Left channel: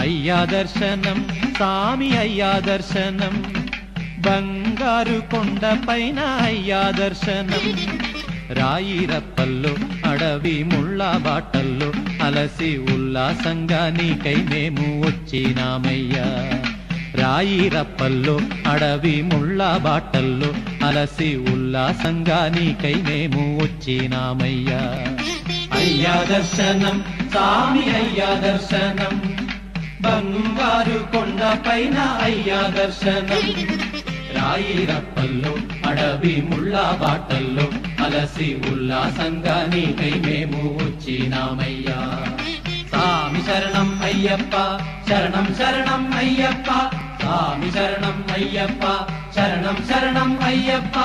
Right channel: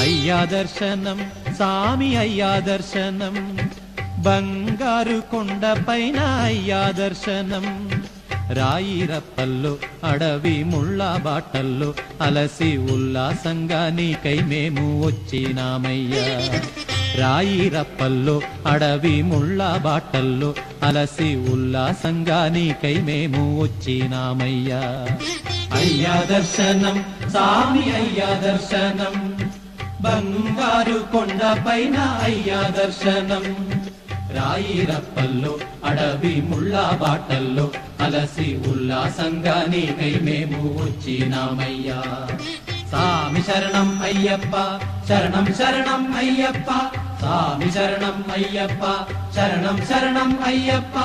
అయ్యా దర్శనం సామి అయ్యా దర్శనం బంగారు కొండపైన అయ్యా దర్శనం రాయిరప్పల్లో అడవి ముళ్ళ బాటల్లో అలసి ఉల్లాసంగా నీకై మేము వచ్చినామయ్యా రాయిరప్పల్లో అడవి ముళ్ళ బాటల్లో అలసి ఉల్లాసంగా నీకై మేము వచ్చినామయ్యా అయ్యా దర్శనం సామి అయ్యా దర్శనం బంగారు కొండపైన అయ్యా దర్శనం రాయిరప్పల్లో అడవి ముళ్ళ బాటల్లో అలసి ఉల్లాసంగా నీకై మేము వచ్చినామయ్యా సామి శరణం అయ్యప్ప శరణం శరణం అయ్యప్ప సామి శరణం అయ్యప్ప శరణం శరణం అయ్యప్ప